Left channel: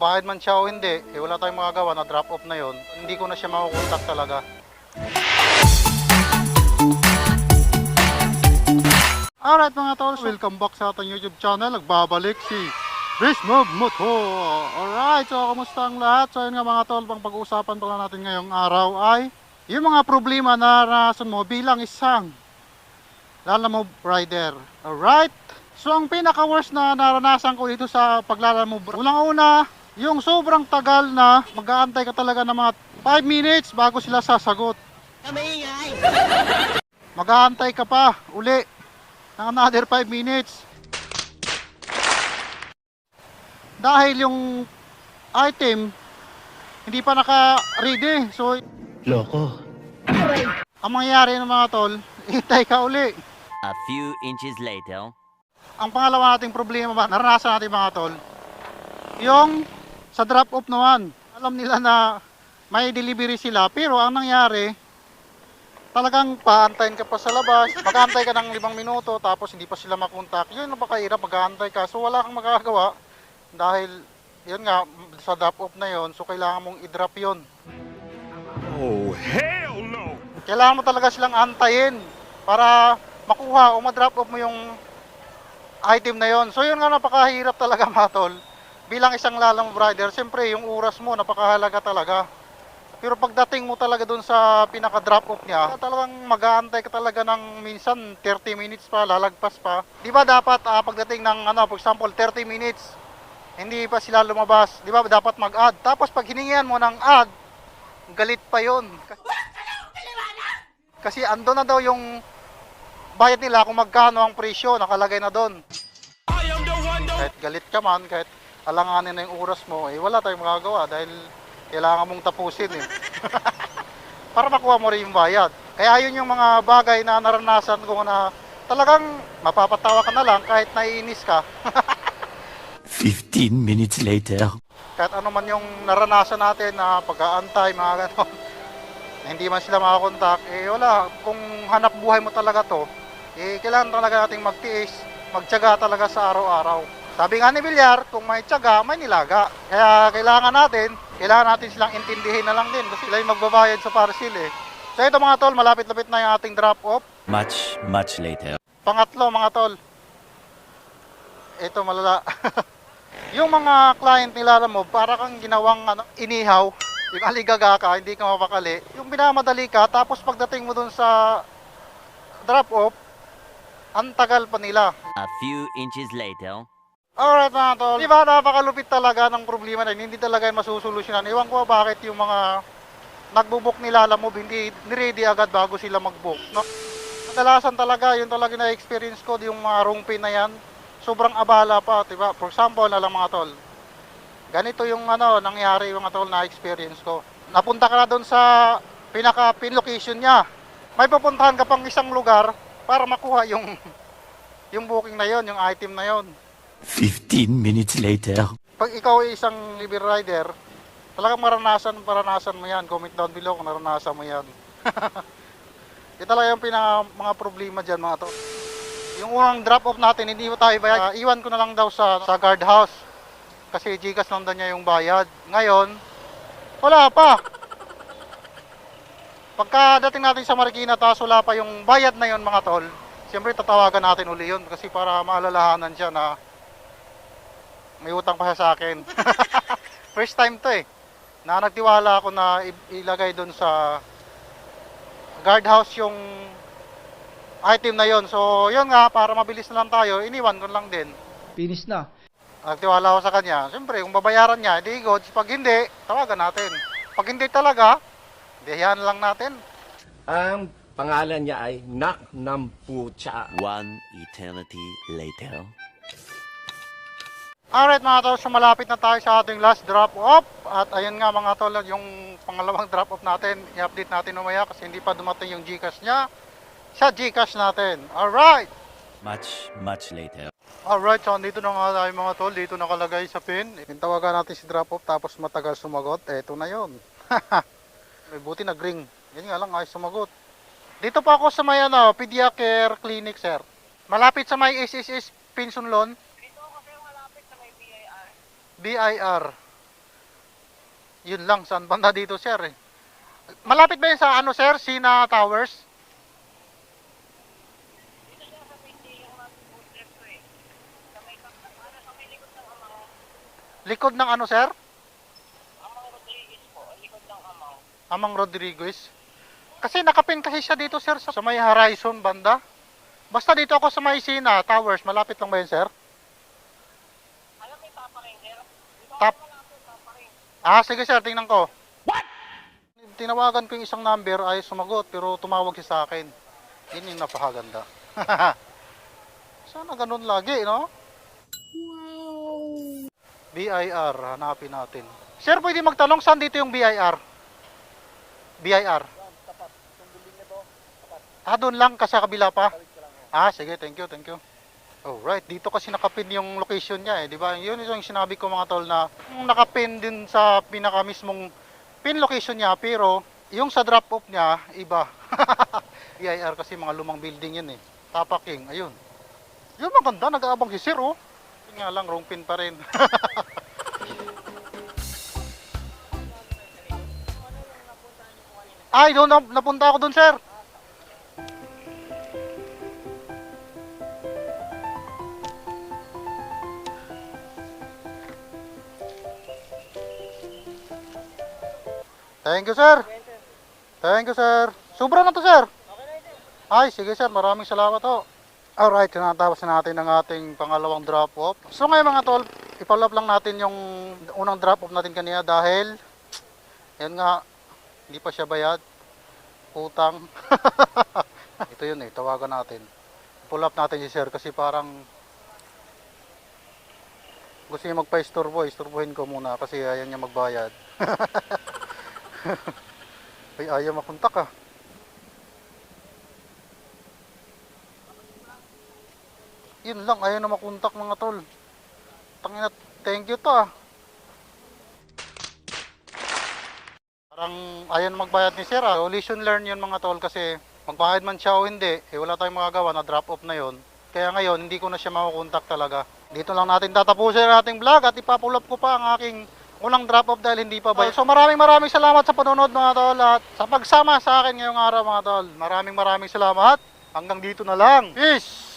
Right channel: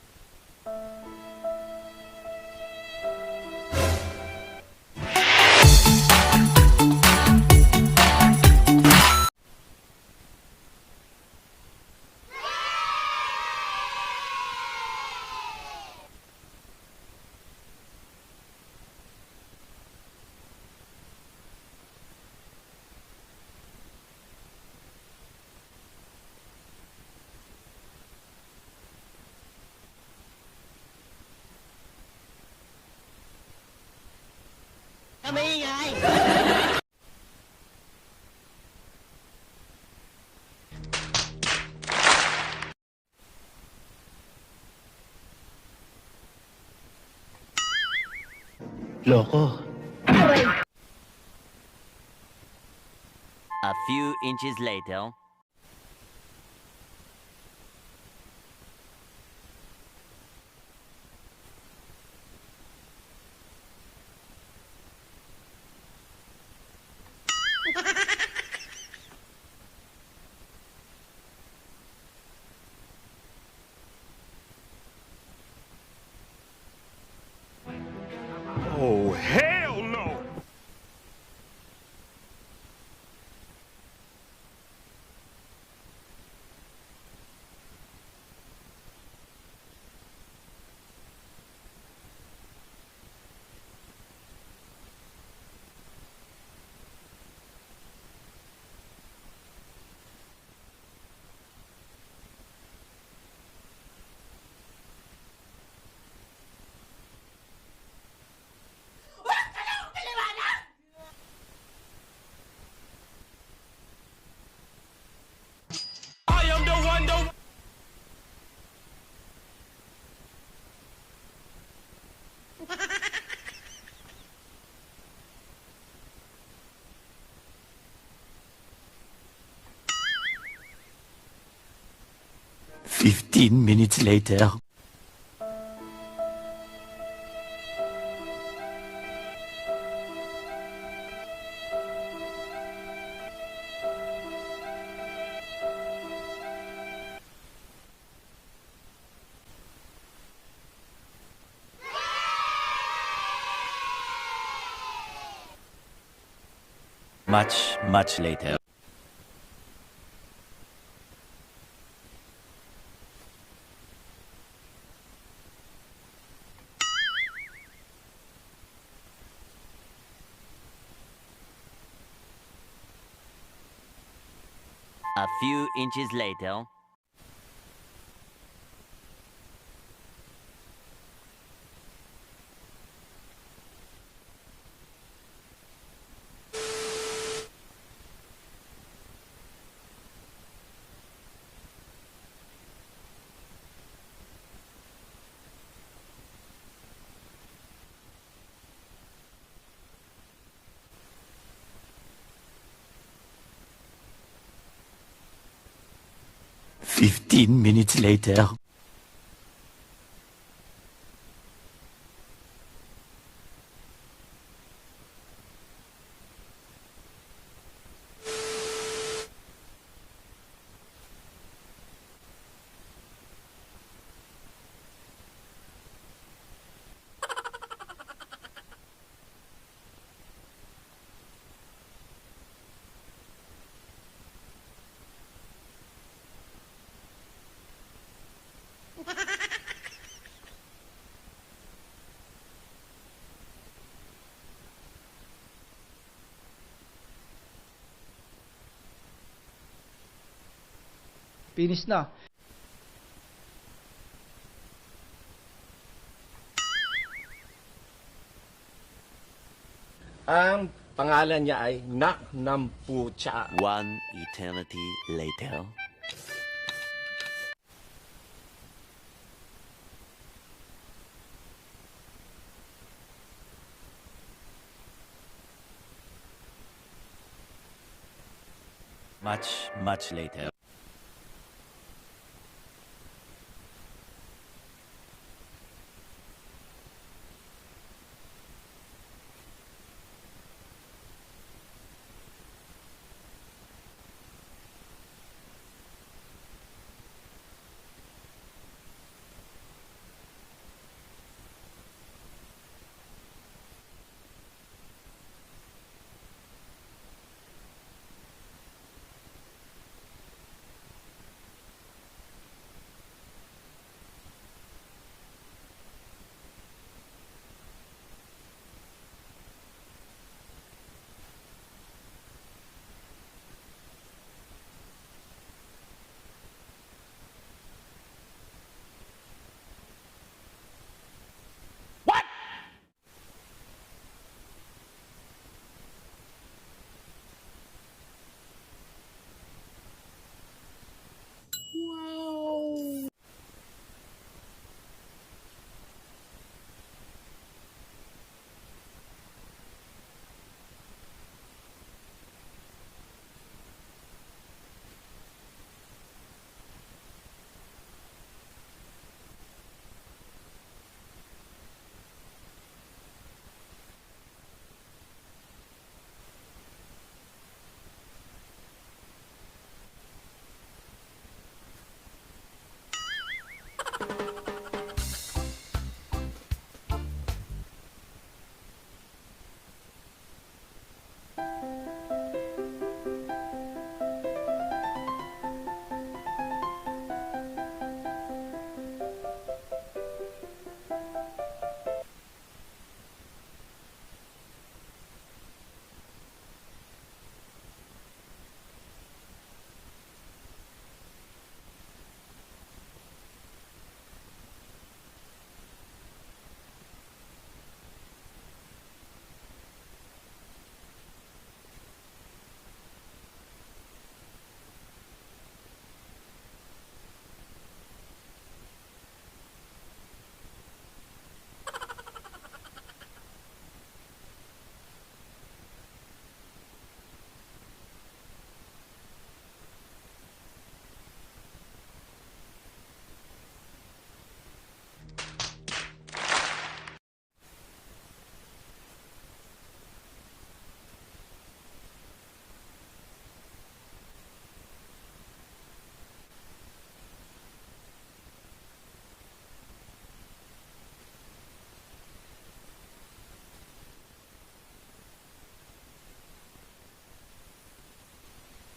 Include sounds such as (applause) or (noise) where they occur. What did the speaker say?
Bahid man siya o hindi, eh, wala tayong magagawa na drop off na yon. Hindi ko na siya makukontak talaga. Alright mga tol, welcome back sa ating YouTube channel. Nagbabalik si Rismog Motor. Alright, so kamusta ang lahat? So yun nga mga tol, pang pag-uusapan pala natin ngayong araw ay yung mga problema na naranasan mo bilang isang lalamove rider. Alright? So ang pinaka-worst na naranasan ko dito sa paglalamove, unang-una, yung sobrang tagal na mag-aantay ka talaga ng mga 5 minutes bago sila sasagot. Kamaingay! Mag-aantay ka pa uli ng another 5 minutes. Dahil yung item hindi pa naka-ready. So, Loko. ang mangyayari ng mga tol, hintay ka uli. A few inches later. Ang pangalawa nating problema ba, naranasan natin mga tol, yung sa drop off naman. Alam nila na may delivery sila, pero ang nangyari, talagang paantayin ka pa sa labas, mag-aantay ka ng limang minuto, tapos hindi pa sila makontak. Yun ang napakahirap, mag-aantay ka. So wala kang magagawa dahil yun nga, sa drop off na yun, so kailangan mong i-drop yun. Oh, hell no! Kailangan mo talaga silang antayin para makuha o ma-drop off mo yung item na yon. So yun nga napakahirap talaga (laughs) mga tol. Bilang isang lalang rider, siyempre yung oras mo napakahalaga talaga. Pero pagdating mo talaga dun sa pinaka-drop off niya, talagang mag-aantay ka talaga ng minsan 30 minutes pa, lalagpas pa. Di ba dapat ah, pagdating ng ano, for example 30 minutes, hindi pa sila lumabas. Di ba dapat mag-add. Tapos pag hiningihan mo ng add, galit pa yon. Kasi ando na daw yung bayad nila kung magkano ang presyo, nakalagay na doon. Kahit galit ka man, kahit alanganin na yung oras mo, eh wala tayong magagawa dahil kailangan mong tapusin eh. (laughs) Para makuha mo rin yung bayad. Kaya yun yung mga bagay na naranasan ko na talagang mapapatawa ka na lang kahit naiinis ka. (laughs) 15 minutes later. kahit ano man yung naranasan natin na pag-aantay, mga ganon, (laughs) hindi man sila makakontak, eh wala, kung hanap buhay mo talaga to, eh kailangan talaga nating magtiis, magtyaga talaga sa araw-araw. Sabi nga ni Villar, kung may tyaga, may nilaga. Kaya kailangan natin, kailangan natin silang intindihin na lang din kasi sila yung magbabayad sa parcel eh. So ito mga tol, malapit-lapit na yung ating drop-off. Much, much later. Pangatlo mga tol. Ito malala. (laughs) yung mga client nila mo, para kang ginawang ano, inihaw. Yung aligaga ka, hindi ka mapakali. Yung binamadali ka, tapos pagdating mo dun sa drop off, ang tagal pa nila. A few inches later. Alright mga tol. Di ba napakalupit talaga ng problema na yun, hindi talaga yung masusolusyonan. Iwan ko bakit yung mga nagbubuk nila alam mo, hindi niready agad bago sila magbook. No? Kadalasan talaga, yun talaga na-experience ko, yung mga room pin na yan, sobrang abala pa, di ba? For example, na lang mga tol, ganito yung ano, nangyari mga tol na experience ko. Napunta ka na doon sa pinaka-pin location niya. May pupuntahan ka pang isang lugar para makuha yung (laughs) yung booking na yon, yung item na yon. 15 minutes later. Pag ikaw ay isang libre rider, talagang maranasan, maranasan mo yan. Comment down below kung naranasan mo yan. (laughs) Yan talaga yung pinaka mga problema dyan mga to. Yung unang drop off natin, hindi mo tayo bayad. Ah, iwan ko na lang daw sa, sa guard. Kasi Gcash lang daw niya yung bayad. Ngayon, wala pa. Pagka dating natin sa Marikina, tapos wala pa yung bayad na yon mga tol, siyempre tatawagan natin uli yun kasi para maalalahanan siya na may utang pa siya sa akin. (laughs) First time to eh. Na nagtiwala ako na ilagay doon sa guardhouse yung item na yon. So, yun nga, para mabilis na lang tayo, iniwan ko lang din. Finish na. Nagtiwala ako sa kanya. Siyempre, kung babayaran niya, di goods. Pag hindi, tawagan natin. Pag hindi talaga, diyan lang natin. Ang pangalan niya ay Nak ng Pucha. One eternity later. Alright mga tol, so malapit na tayo sa ating last drop off. At ayun nga mga tol, yung pangalawang (laughs) drop off natin, i-update natin umaya kasi hindi pa dumating yung Gcash niya sa Gcash natin. Alright! Much, much later. Alright, so dito na nga tayo mga tol, dito nakalagay sa pin. Tawagan natin si drop off tapos matagal sumagot. Eto na yon. (laughs) May buti nag-ring. Yan nga lang, ayos sumagot. Dito pa ako sa may ano, Pediacare Clinic, sir. Malapit sa may SSS Pension Loan. Dito kasi malapit sa may BIR. Yun lang, saan banda dito sir eh. Malapit ba yun sa ano sir, Sina Towers? Likod ng ano sir? Amang Rodriguez. Kasi nakapin kasi siya dito sir sa sa may Horizon banda. Basta dito ako sa may Sina Towers, malapit lang ba yun sir? Ah, sige sir, tingnan ko. What? Tinawagan ko yung isang number ay sumagot pero tumawag siya sa akin. Yun yung napakaganda. (laughs) Sana ganun lagi, no? Wow! BIR, hanapin natin. Sir, pwede magtanong saan dito yung BIR? BIR. Ah, doon lang, kasi kabila pa. Ah, sige, thank you, thank you. Alright, dito kasi nakapin yung location niya eh, di ba? Yun yung sinabi ko mga tol na yung nakapin din sa pinaka mismong pin location niya pero yung sa drop off niya iba. (laughs) EIR kasi mga lumang building yun eh. Tapaking, ayun. Yun maganda, nag-aabang si Sir oh. Yun nga lang, wrong pin pa rin. Ay, doon na, napunta ako doon, sir. Thank you, sir. Thank you, sir. Sobra na to, sir. Ay, sige, sir. Maraming salamat ho. Alright, tinatapos na natin ang ating pangalawang drop-off. So ngayon mga tol, up lang natin yung unang drop-off natin kanina dahil yan nga, hindi pa siya bayad. Utang. (laughs) Ito yun eh, tawagan natin. Pull up natin si sir kasi parang gusto niya magpa-istorbo, istorbohin ko muna kasi ayaw niya magbayad. (laughs) (laughs) Ay, ayaw makontak ah. Yun lang, ayaw na makontak mga tol. Tangina, thank you to ah. Parang ayaw na magbayad ni Sir ah. So, lesson learn yun mga tol kasi magbayad man siya o hindi, eh wala tayong magagawa na drop off na yon. Kaya ngayon, hindi ko na siya makukontak talaga. Dito lang natin tatapusin ang ating vlog at ipapulap ko pa ang aking unang drop off dahil hindi pa bayad. So maraming maraming salamat sa panonood mga tol at sa pagsama sa akin ngayong araw mga tol. Maraming maraming salamat. Hanggang dito na lang. Peace!